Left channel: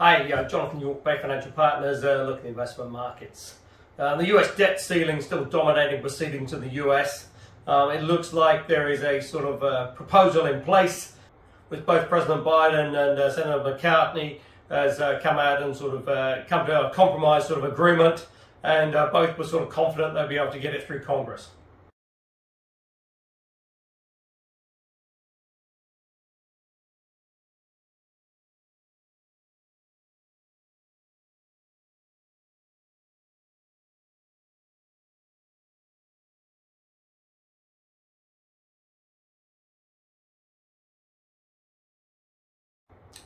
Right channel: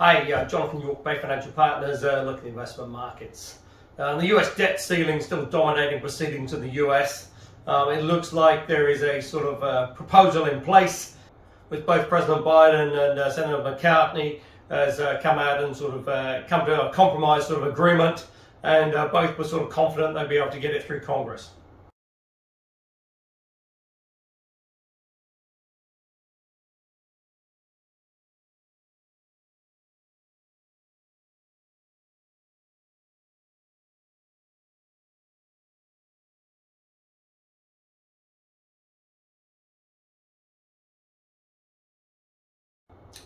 Hi, Jonathan York, Bay Financial Partners, looking at investment markets. The US debt ceiling still dominating proceedings in the US. It looks like there is a sort of proposal in place with both President Biden and Senator McCartney has come out and sort of come to a compromise sort of agreement, and both were sort of confident they'll be able to get it through Congress.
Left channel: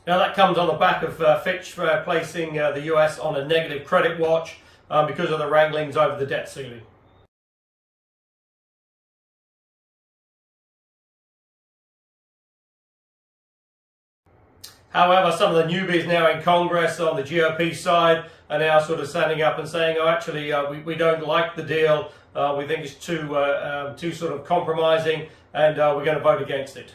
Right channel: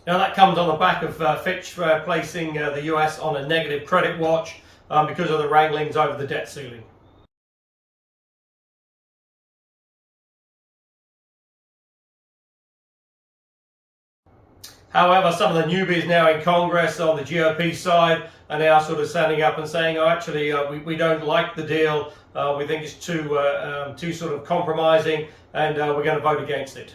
Now that comes on the back of Fitch placing the US on a negative credit watch because of the wranglings over the debt ceiling. However, some of the newbies now in Congress on the GOP side are now sort of standing up and saying, oh, actually, we don't like the deal. We think it's too sort of compromising, and we're going to vote against it.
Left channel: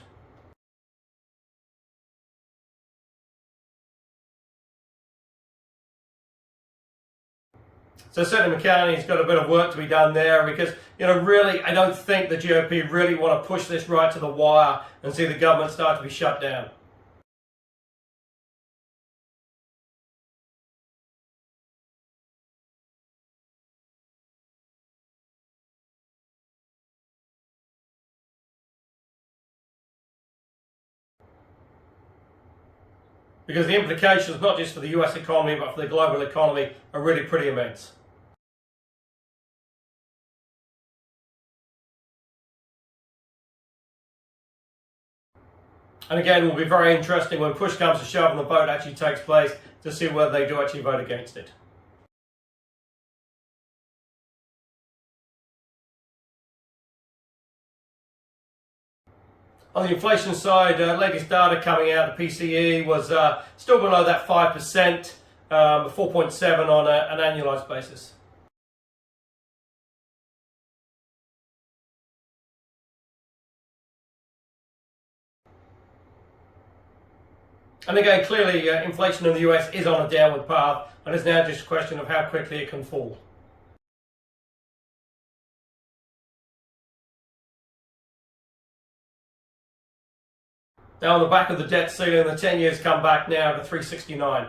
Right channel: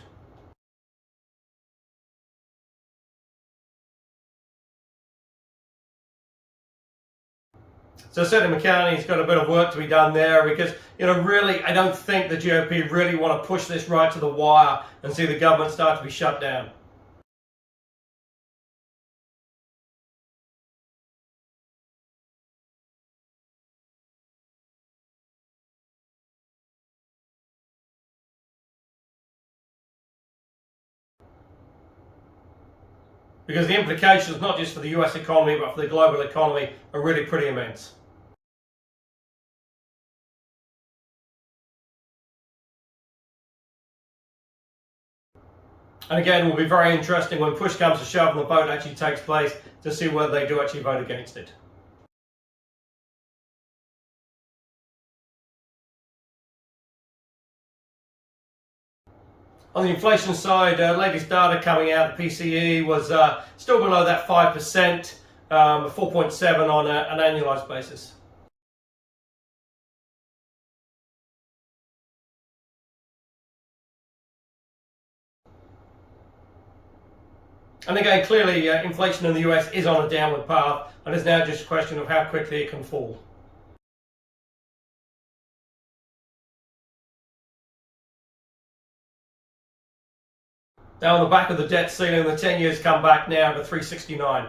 So Senator McCartney's got a bit of work to be done there because, really, I don't think the GOP really want to push this right to the wire and see the government start to be shut down. Because the implications, not just for the US economy, but for the global economy, are really pretty immense. And again, it will be very interesting when push comes to shove and the vote actually takes place to see whether they do actually vote against it. On the inflation side, latest data coming out, the PCE was still below that 5%, 4.7 on an annualized basis. And again, clearly inflation in the US is on a downward path, and it's now just a question of how quickly it can fall. Now on the back of the debt ceiling, the 10 years come back now to 369.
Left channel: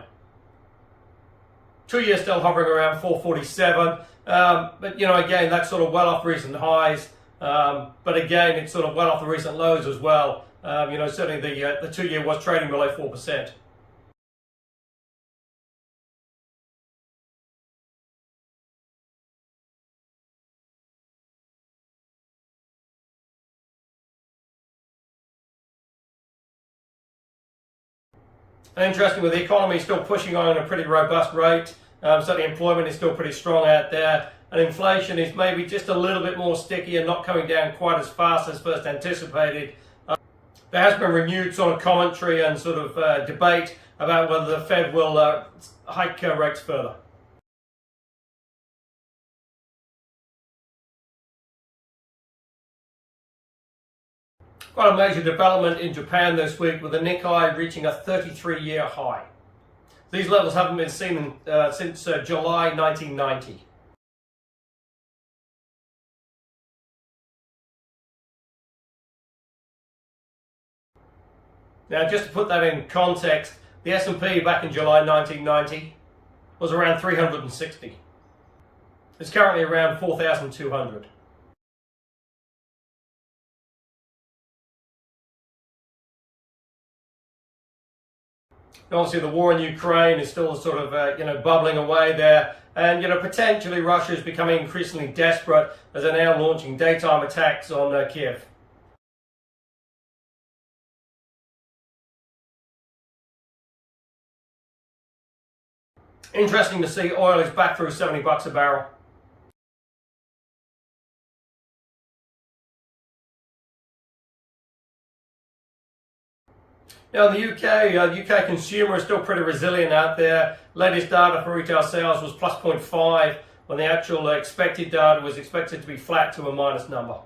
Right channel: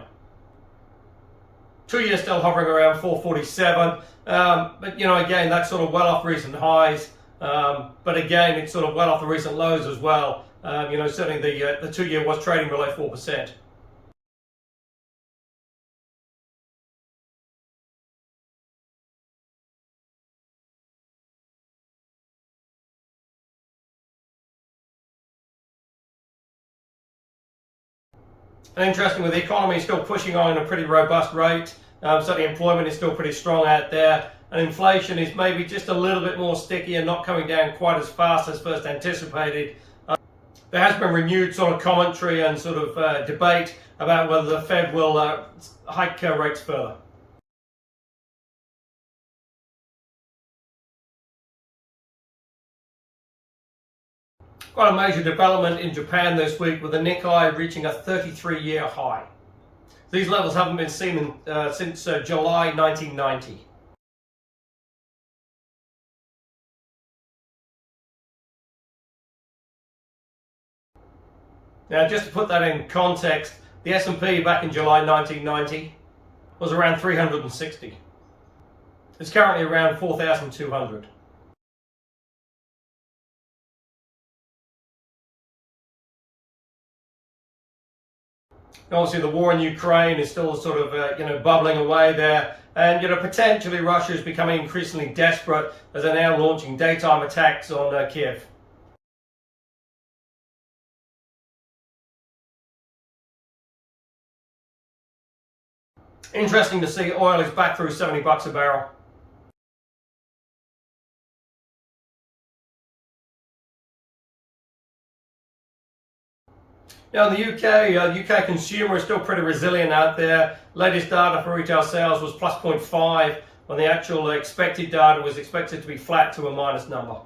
2 years still hovering around 447, but again, that's sort of well off recent highs. But again, it's sort of well off the recent lows as well. Certainly the 2 year was trading below 4%. And interesting, with the economy still pushing on at a pretty robust rate, certainly employment is still pretty strong out there, and inflation is maybe just a little bit more sticky and not coming down quite as fast as first anticipated. There has been renewed sort of commentary and sort of debate about whether the Fed will hike rates further. Quite a major development in Japan this week with the Nikkei reaching a 33-year high. These levels haven't been seen since July 1990. Now, just to put that in context, the S&P back in July 1990 was around 360. It's currently around 4,200. Obviously, the war in Ukraine is still sort of bubbling away there, and potentially Russia is becoming increasingly desperate as they're now launching daytime attacks on Kiev. Interesting to see oil is back through $70 a barrel. Now in the UK consumer is still pretty resilient out there. Latest data for retail sales was plus 0.5 when the actual expected data was expected to be flat to a minus number.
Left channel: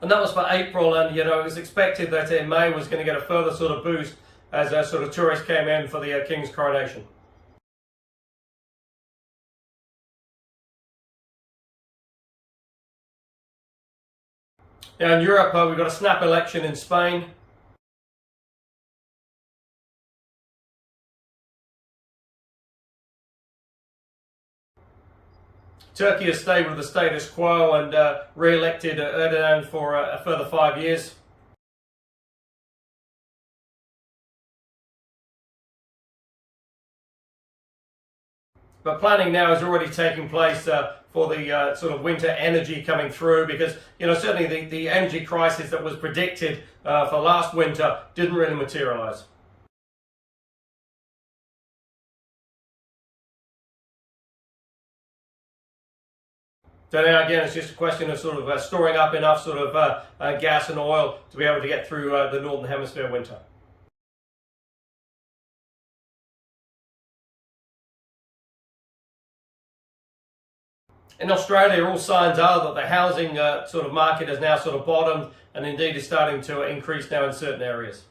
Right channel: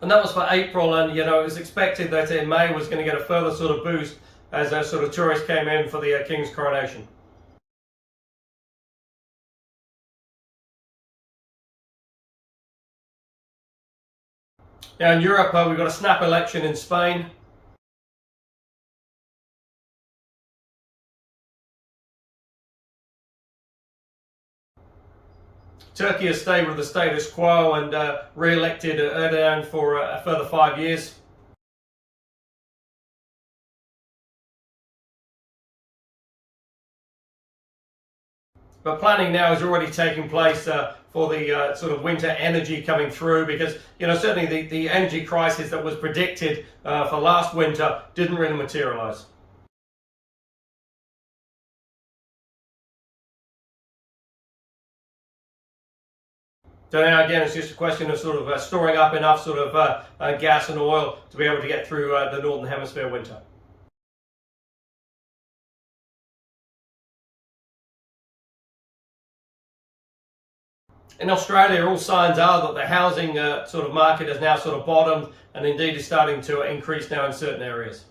And that was for April, and it was expected that in May was going to get a further sort of boost as sort of tourists came in for the King's coronation. Now in Europe, we've got a snap election in Spain. Turkey has stayed with the status quo and re-elected Erdogan for a further 5 years. But planning now is already taking place for the sort of winter energy coming through, because certainly the energy crisis that was predicted for last winter didn't really materialize. So now again, it's just a question of sort of storing up enough sort of gas and oil to be able to get through the Northern Hemisphere winter. In Australia, all signs are that the housing sort of market has now sort of bottomed, and indeed is starting to increase now in certain areas.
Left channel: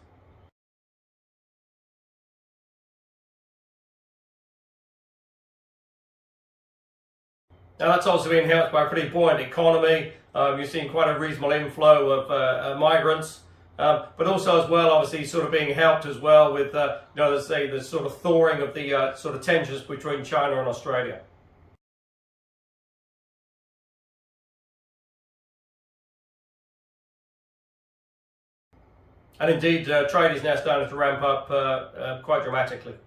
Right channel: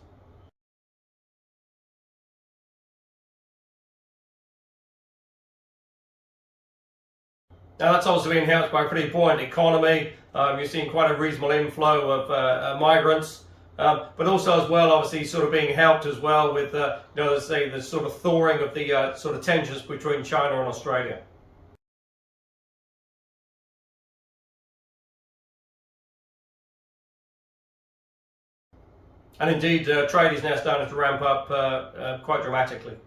Now that's also being helped by a pretty buoyant economy. You're seeing quite a reasonable inflow of migrants, but also as well, obviously, sort of being helped as well with, let's say, the sort of thawing of the sort of tensions between China and Australia. And indeed, trade is now starting to ramp up quite dramatically.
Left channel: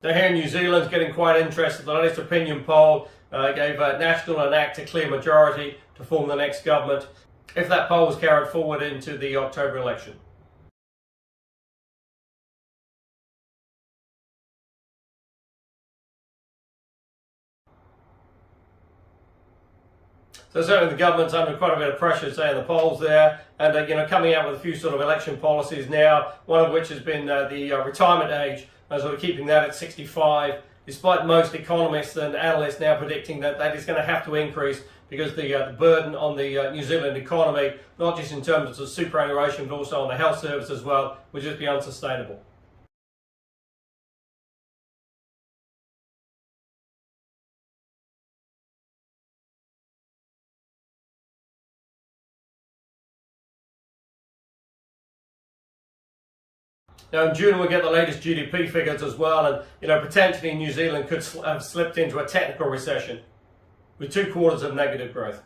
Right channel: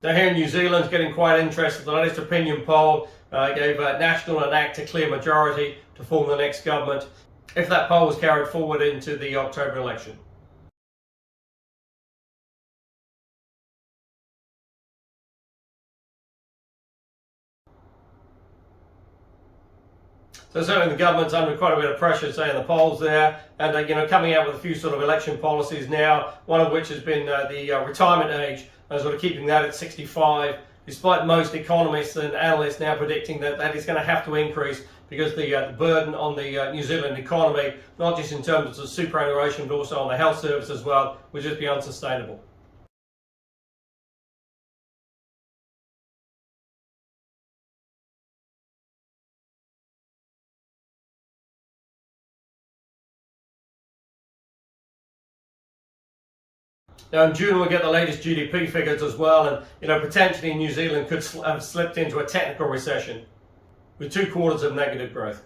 Now here in New Zealand, getting quite interested. The latest opinion poll gave National and ACT a clear majority to form the next government, if that poll was carried forward into the October election. So certainly the government's under quite a bit of pressure, say, in the polls there, and coming out with a few sort of election policies now. One of which has been the retirement age, sort of keeping that at 65, despite most economists and analysts now predicting that that is going to have to increase, because the burden on the New Zealand economy, not just in terms of superannuation, but also on the health service as well, would just be unsustainable. Now in June we'll get the latest GDP figures as well, and potentially New Zealand could have slipped into a technical recession with 2 quarters of negative growth.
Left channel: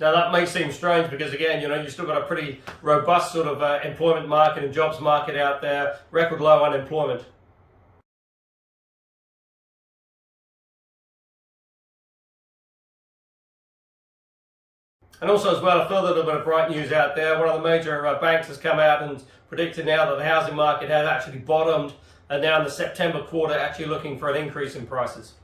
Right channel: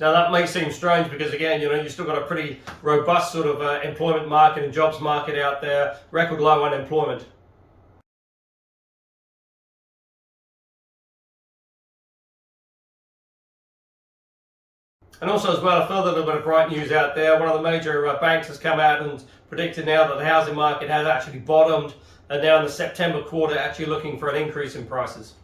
Now that may seem strange because again, you've still got a pretty robust sort of employment market and jobs market out there, record low unemployment. And also as well, a further little bit of bright news out there. One of the major banks has come out and predicted now that the housing market has actually bottomed, and now in the September quarter actually looking for an increase in prices.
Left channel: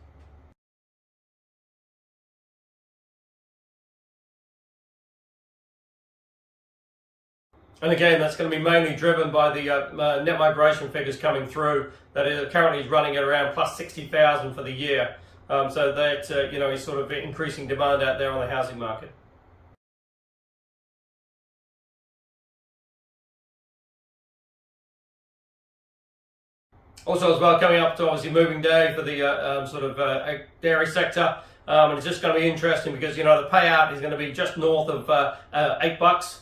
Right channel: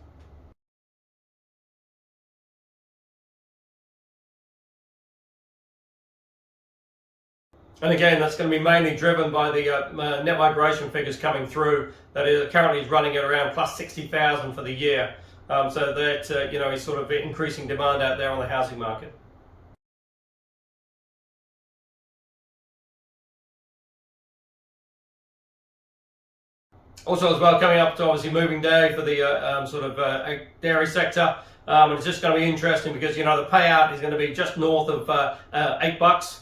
And again, that's going to be mainly driven by the net migration figures coming through. That is currently running at around plus 60,000 for the year. So that is sort of increasing demand out there on the housing market. Also as well, coming up to obviously moving day for the sort of dairy sector. And it's just going to be interesting because the payout is going to be just north of $8.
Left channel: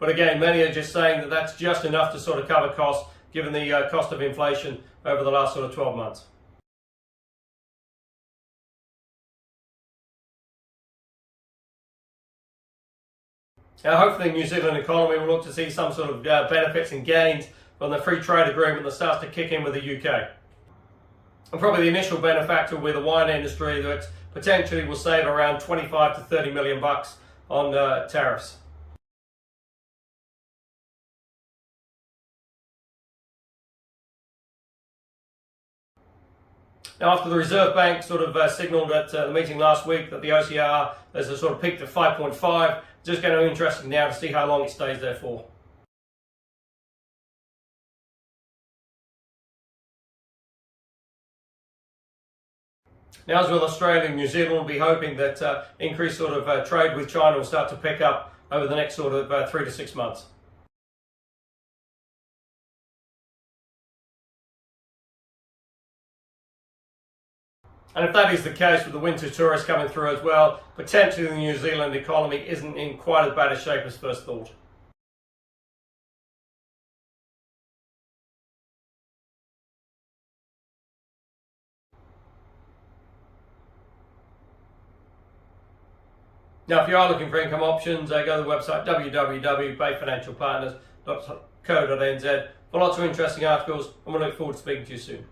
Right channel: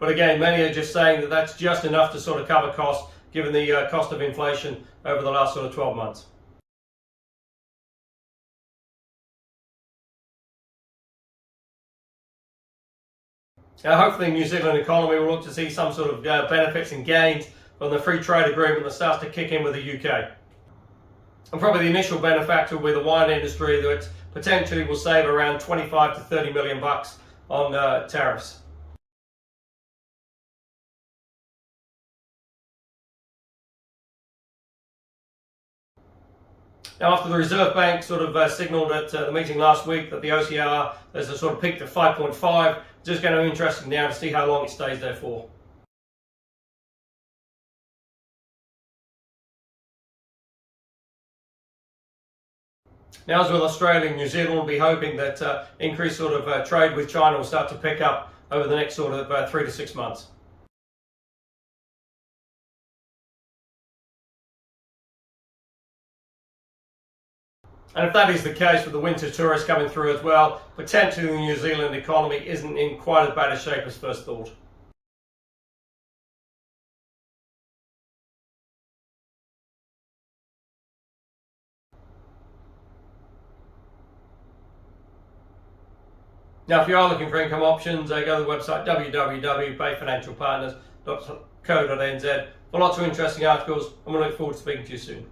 But again, many are just saying that that's just enough to sort of cover costs, given the cost of inflation over the last sort of 12 months. Hopefully the New Zealand economy will look to see some sort of benefits and gains from the free trade agreement that starts to kick in with the UK. And probably the initial benefactor will be the wine industry, that potentially will save around 25 to 30 million bucks on tariffs. Now, after the Reserve Bank sort of signalled at the meeting last week that the OCR has a sort of peaked at 5.5, just going to be interesting now to see how long it stays there for. Now, as with Australia and New Zealand, we'll be hoping that increased sort of trade with China will start to pick up over the next sort of 3 to 6 months. And if that is the case with the winter tourists coming through as well, potentially the New Zealand economy isn't in quite as bad a shape as first thought. Now, if you are looking for income options, go to the website www.bayfinancialpartners.co.nz for lots of interesting articles, and we look forward to speaking to you soon.